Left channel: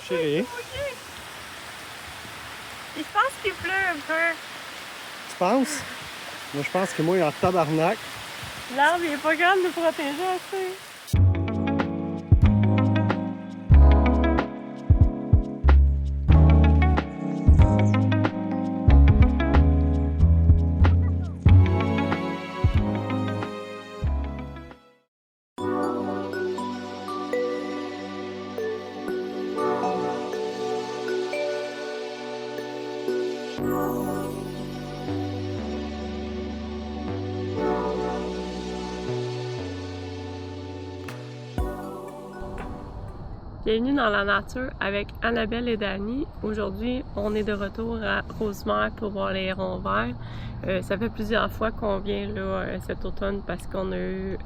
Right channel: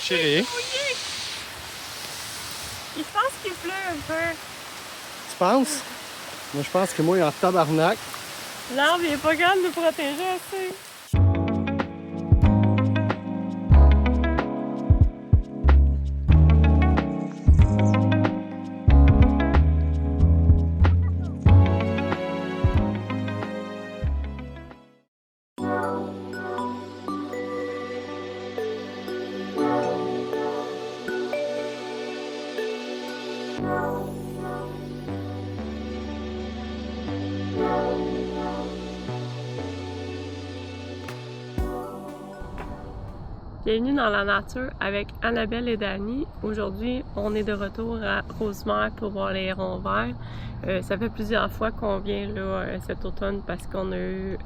Chérie. Je pense qu'il pleut un peu. Tu penses? Moi, je pense que moi, il est en tabarnak. L'arbre, il est pas grand de nous protéger assez. Bienvenue dans la nature avec Annabelle et Dani. Aujourd'hui, on est de retour à Rosemère pour voir les hérons verts. Ça fait plusieurs fois qu'on vient là cet automne parce qu'on a eu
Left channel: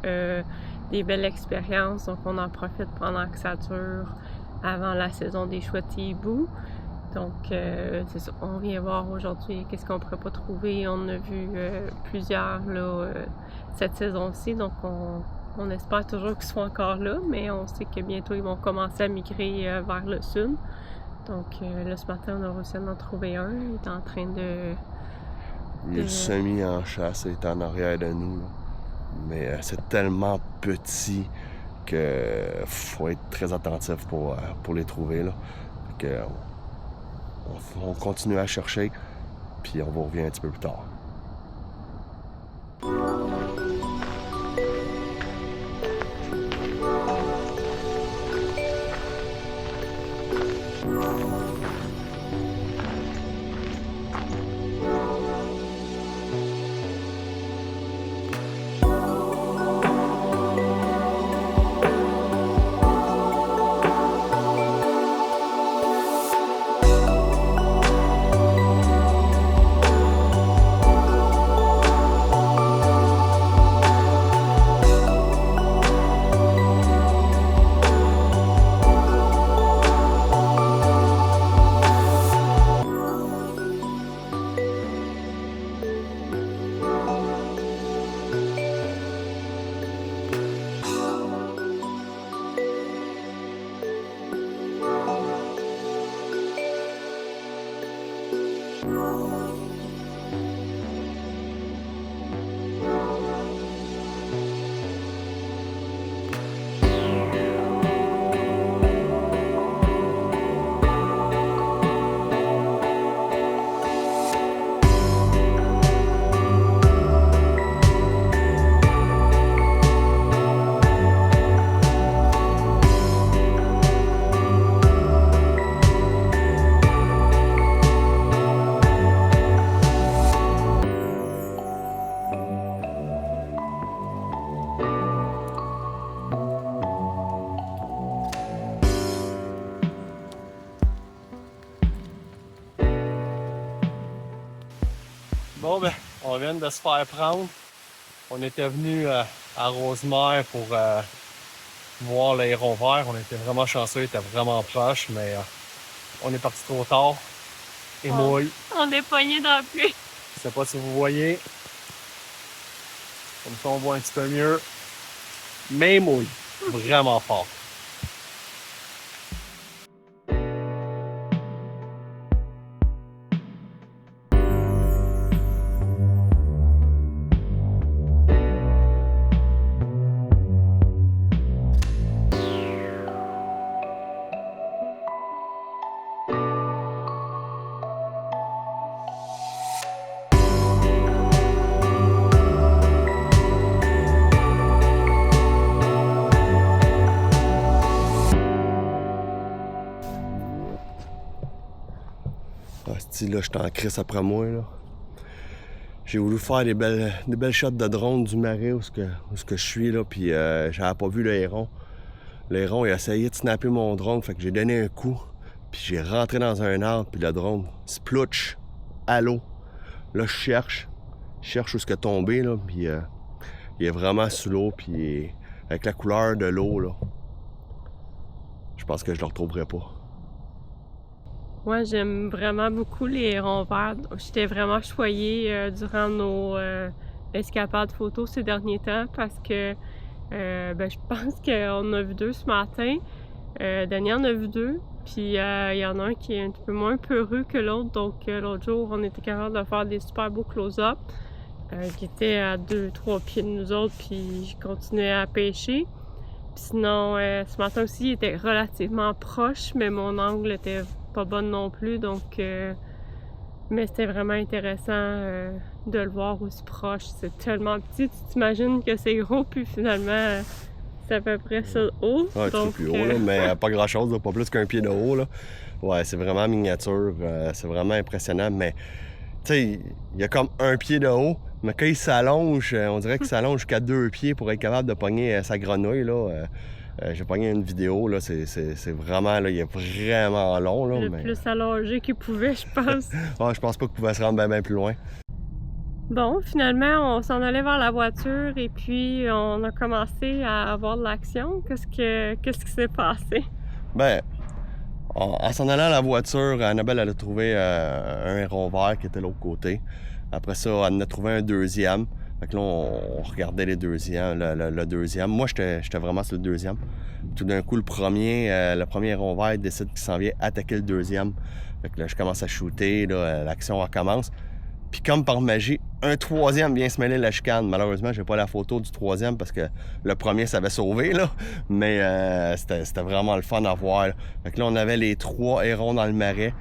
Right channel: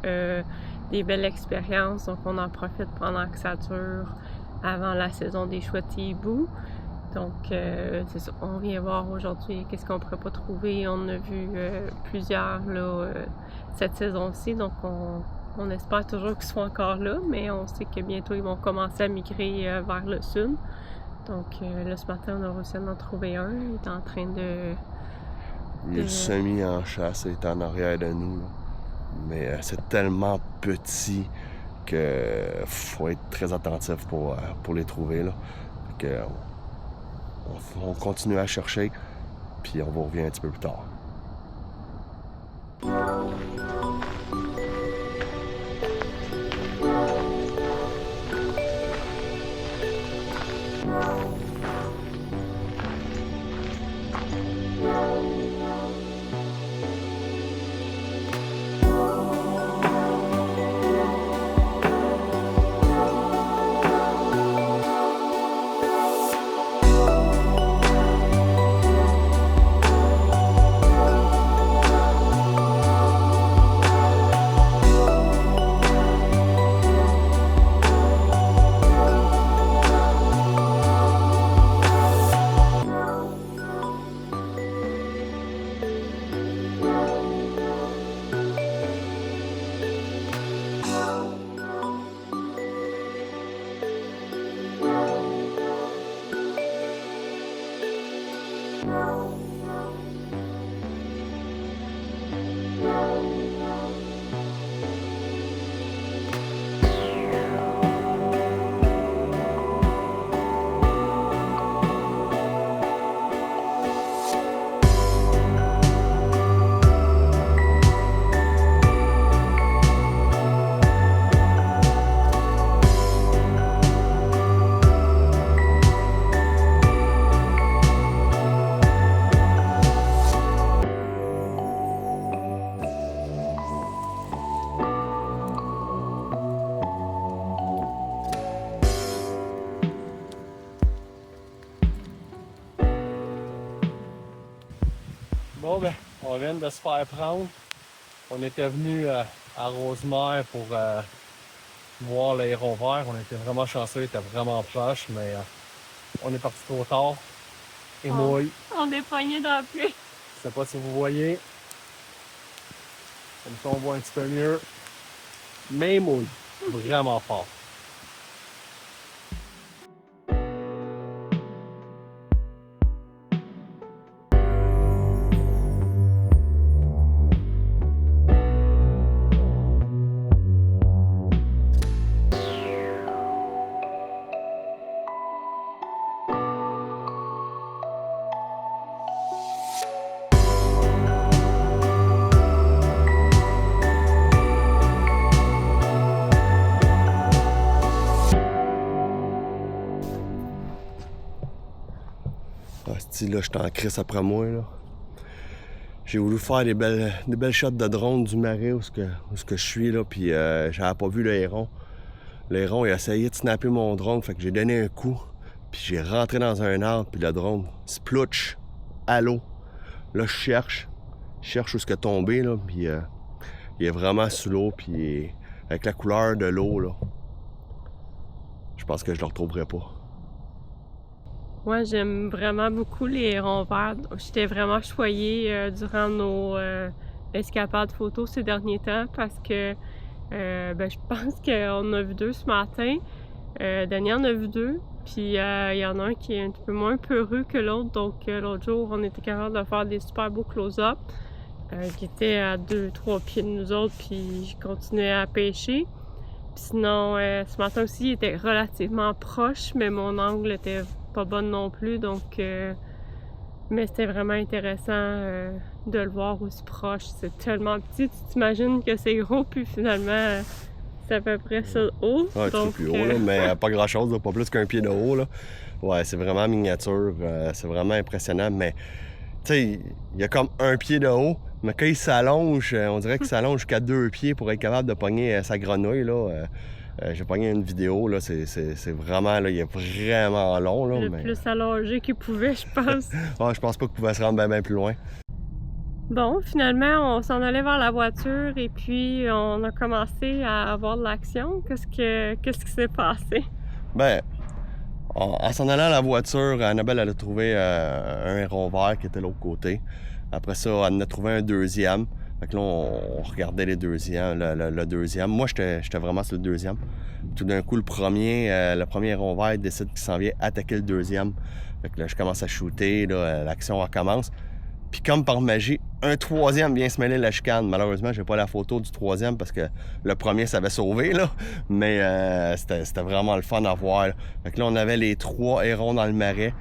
des belles expériences. Donc on en profite pendant que ça dure avant la saison des chouettes hiboux. Donc c'est ça, on vient voir aujourd'hui qu'est-ce qu'on pourrait pas trouver. On a vu plusieurs là cette saison-ci, donc on espère toujours qu'ils soient encore là, mais on sait que bientôt ils vont commencer à migrer vers le sud. Donc là ce matin on a réussi à en trouver un, il est en train de... Il est semi en chasse, il est en arrière de nous. Là. Mais c'est tellement petit que faut être très attentif pour les trouver. Là. Que, on continue à chercher, puis on vous revient un petit peu plus tard. Bon, ben, on vient de se faire prendre. On était venu à Rosemère pour voir les hérons verts. On était vraiment chanceux, il était vraiment proche, mais on est parti trop tard. Et mouille. On est pogné dans la pluie. Je sais pas si vous voyez. Comme ça, on voit un petit peu mieux. Mais mouille. Vraiment fort. Là, j'étais en crise après moi. Là. J'ai voulu faire des belles shots de drone du marais où je suis, là, puis j'avais pas vu le héron. Le héron, il a essayé de snapper mon drone, fait que j'ai donné un coup, puis j'ai rentré dans un arbre, puis le drone splouch à l'eau. Là, je cherche où est-ce qu'il est tombé, là, puis il est vraiment sous l'eau, puis avec la couleur de l'eau, là, je pense que je le retrouverai pas. Moi, j'aime vraiment beaucoup les hérons verts. J'étais vraiment choyée durant nos escapades photos ces derniers temps parce que je pense qu'on a vu deux ce matin. Daniel en a vu deux. Puis il y en a un qui est un petit peu moins peureux que l'autre. Donc l'autre jour, on était capable de faire des super beaux close-up qui étaient à 2-3 pieds de nous autres. Puis je continuais à pêcher. Puis sinon, ce matin aussi, il était relativement proche, mais mon angle était pas bon non plus. Donc, mais c'était vraiment intéressant de le voir aussi proche. C'est tellement petit, tu t'imagines que c'est gros, puis finalement, c'est à peu près ça haut. Ouais, un petit peu plus haut, là, mais pas grand-chose, là, pas plus qu'un pied de haut. Là. Ouais, c'est vraiment miniature, c'est vraiment impressionnant, mais tu sais, il y a comme un pied de haut, mais quand il s'allonge, on dirait qu'il s'allonge jusqu'à 2 pieds pour être capable de pogner sa grenouille, là. J'ai pogné une vidéo, là, c'est vraiment, là, il est vraiment long, là. Le plus allongé qu'il pouvait, je pense. Ouais, je pense pas qu'il pouvait se rendre bien plus loin. Bon, finalement, on s'en allait vers la voiture et puis on a commencé à avoir de l'action. Qu'est-ce qui s'est passé? Ben, en s'en allant à la voiture, Annabelle, elle a trouvé un héron vert qui était de l'autre côté. Après ça, elle en a trouvé un deuxième. Fait que là, on regardait les deuxièmes, le deuxième. Moi, j'étais vraiment sur le deuxième. Tout d'un coup, le premier héron vert décide qu'il s'en vient attaquer le deuxième. Fait que là, je commence à shooter, là, l'action recommence. Puis comme par magie, un troisième vient se mêler de la chicane. Malheureusement, j'ai pas la photo du troisième parce que le premier s'avait sauvé, là. Mais c'était vraiment le fun à voir. Là. Fait que là, on avait les 3 hérons dans le marais.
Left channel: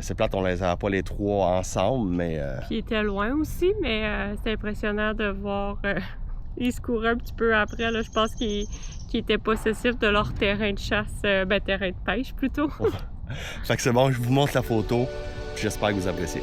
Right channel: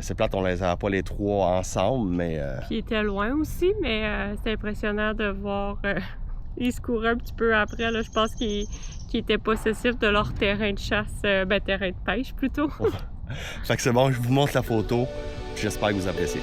C'est plate, on les avait pas les 3 ensemble, mais... Puis il était loin aussi, mais c'était impressionnant de voir... ils se couraient un petit peu après, là. Je pense qu'ils étaient possessifs de leur terrain de chasse, terrain de pêche plutôt. Fait que c'est bon, je vous montre la photo. J'espère que vous appréciez.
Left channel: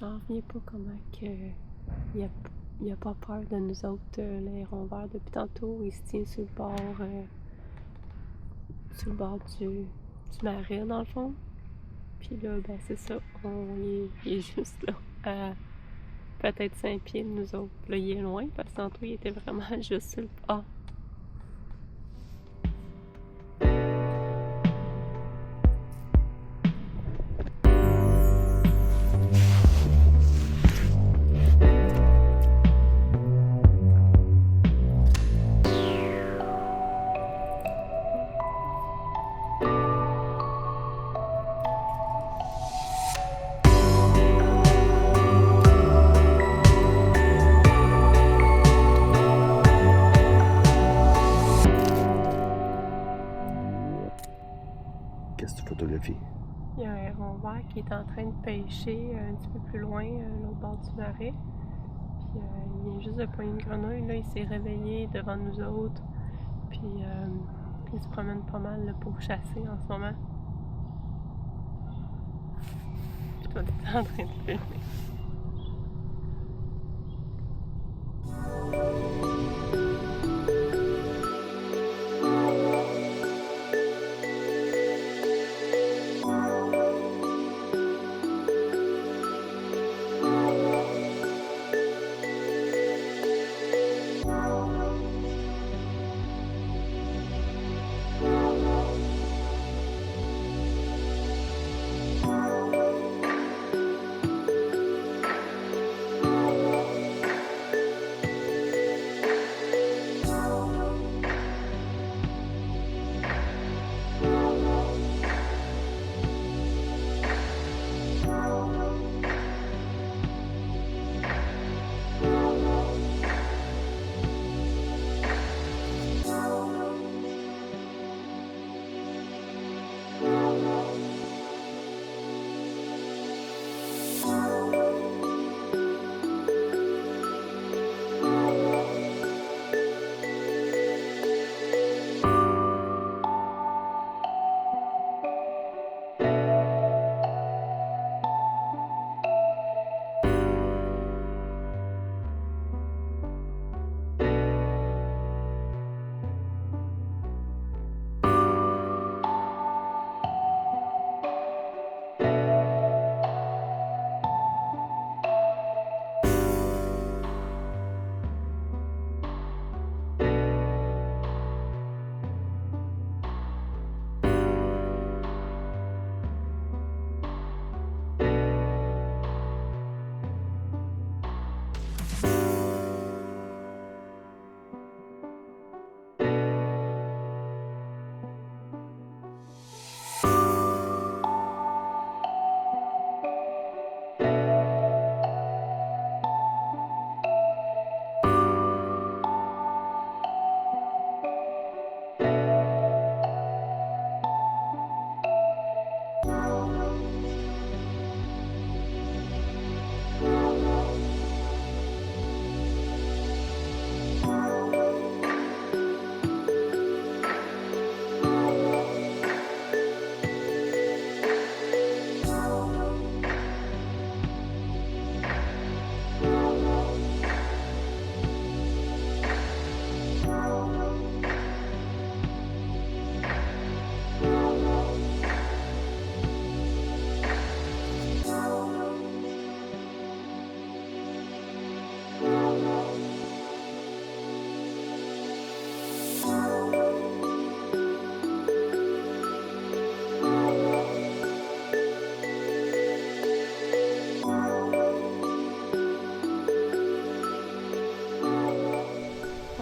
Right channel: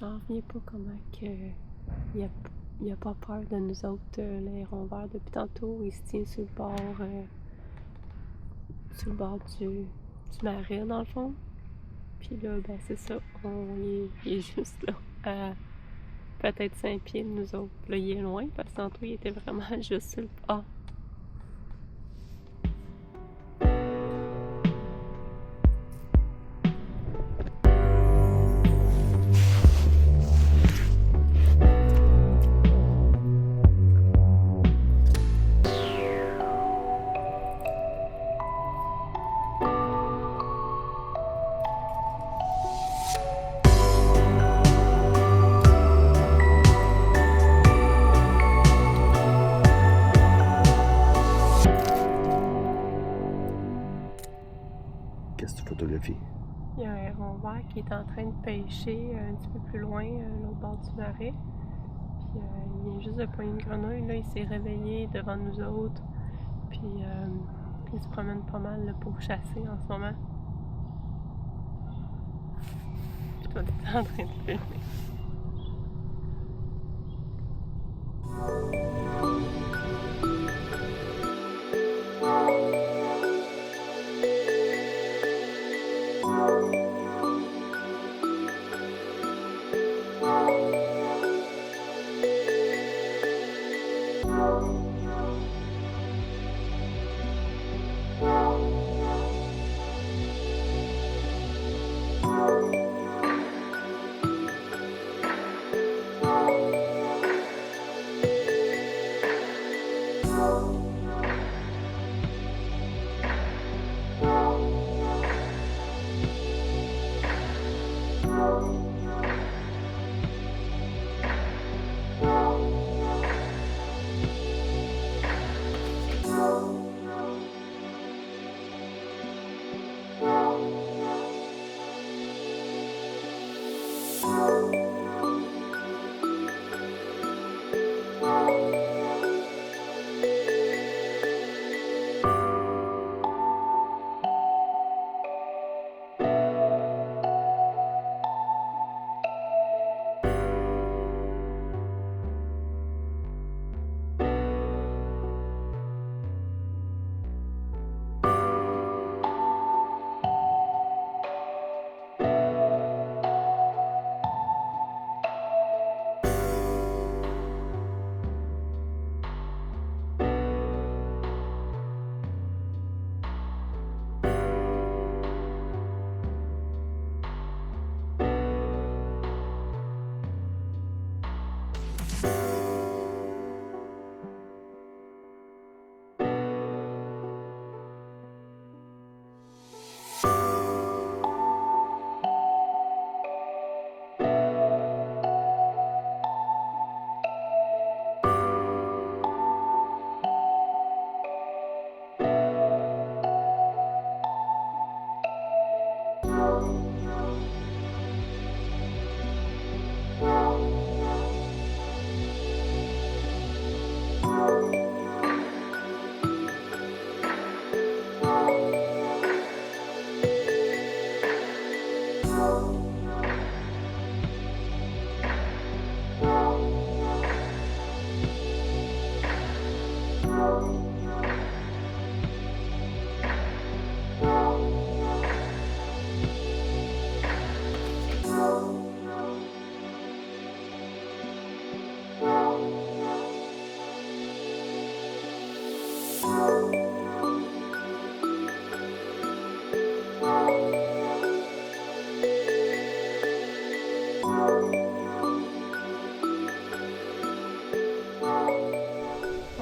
J'en reviens pas comment que il a pas peur de nous autres, le héron vert. Depuis tantôt, il se tient sur le bord du marais, dans le fond. Puis là, ben c'est ça, il est juste là, à peut-être 5 pieds de nous autres. Là, il est loin, parce que tantôt, il était vraiment juste sur le bord. Qu'est-ce que tu photographies? Il y a un héron vert qui est en train de pêcher un petit peu plus loin, l'autre bord du marais. Puis il vient juste de pogner une grenouille. Là, il s'est réveillé devant nous autres. Puis il se promène pas mal là, pour chasser en ce moment. Puis toi, t'es en train de filmer.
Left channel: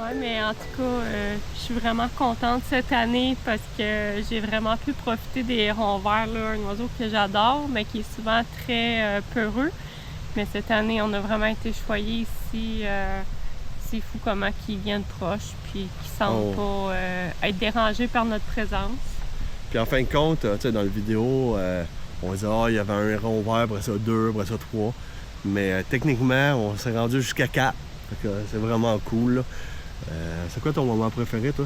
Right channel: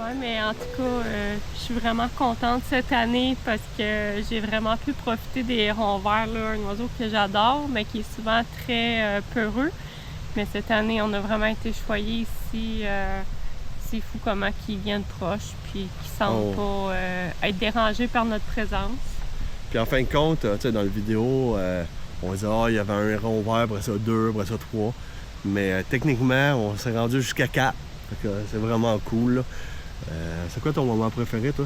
Ouais, mais en tout cas, je suis vraiment contente cette année parce que j'ai vraiment pu profiter des hérons verts, là, un oiseau que j'adore, mais qui est souvent très peureux. Mais cette année, on a vraiment été choyés ici. C'est fou comment ils viennent proches puis qu'ils semblent pas être dérangés par notre présence. Puis en fin de compte, tu sais, dans la vidéo, on disait il y avait un héron vert, après ça 2, après ça 3. Mais techniquement, on s'est rendu jusqu'à 4. Fait que c'est vraiment cool, là. C'est quoi ton moment préféré, toi?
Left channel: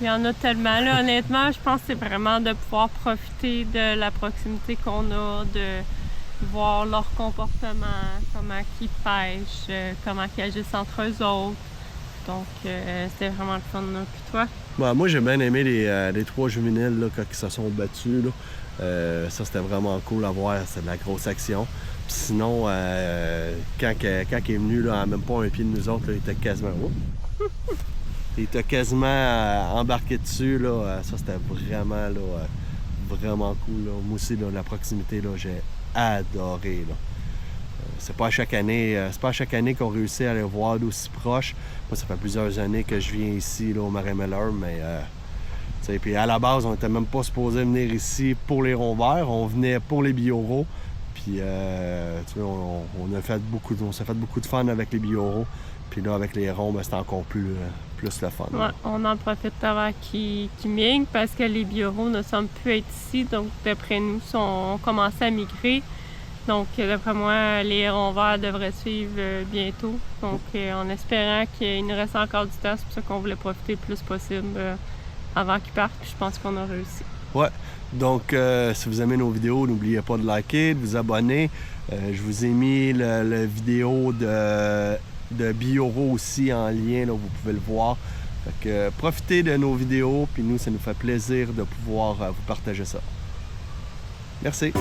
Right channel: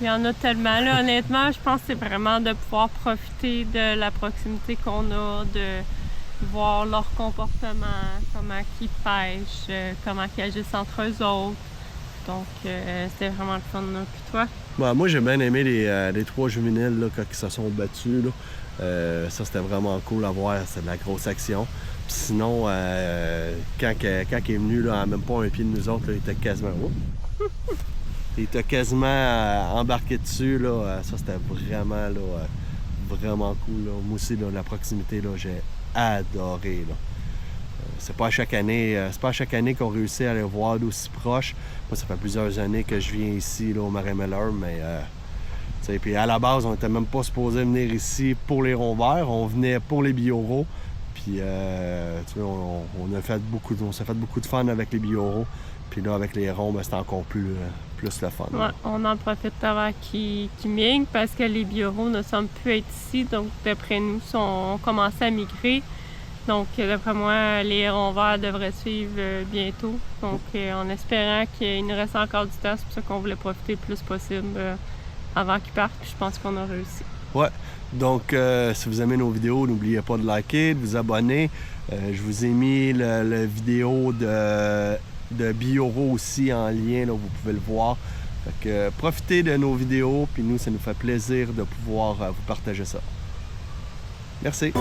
Il y en a tellement. Là, honnêtement, je pense que c'est vraiment de pouvoir profiter de la proximité qu'on a, de voir leur comportement, comment ils pêchent, comment ils agissent entre eux autres. Donc, c'était vraiment le fun. Puis toi? Bon, moi, j'ai bien aimé les 3 juvéniles là, quand ils se sont battus. Là. Ça, c'était vraiment cool à voir. C'était de la grosse action. Puis sinon, quand il est venu là, à même pas un pied de nous autres, là, il était quasiment... il était quasiment embarqué dessus. Là. Ça, c'était vraiment, là, vraiment cool. Là. Moi aussi, là, la proximité, là, j'ai adoré. Là. C'est pas à chaque année qu'on réussit à les voir d'aussi proche. Moi, ça fait plusieurs années que je viens ici, là, au Marais-Meller, mais... puis à la base, on n'était même pas supposé venir ici pour les ronds verts. On venait pour les bioraux. Puis, on s'est fait beaucoup de fun avec les bioraux. Puis là, avec les ronds, c'était encore plus le fun. Ouais, on en profite avant qu'ils migrent parce que les bioraux ne semblent plus être ici. Donc, d'après nous, ont commencé à migrer. Donc, d'après moi, les hérons verts devraient suivre bientôt. Donc, en espérant qu'il nous reste encore du temps, c'est pour ça qu'on voulait profiter le plus possible avant qu'ils partent. Puis je pense qu'on a réussi. Ouais. Donc, si vous aimez nos vidéos, n'oubliez pas de liker, de vous abonner. Je vous ai mis la vidéo de bioraux aussi en lien, là, vous pouvez le voir. Fait que, profitez de nos vidéos, puis nous, ça nous fait plaisir de pouvoir vous partager ça. Merci.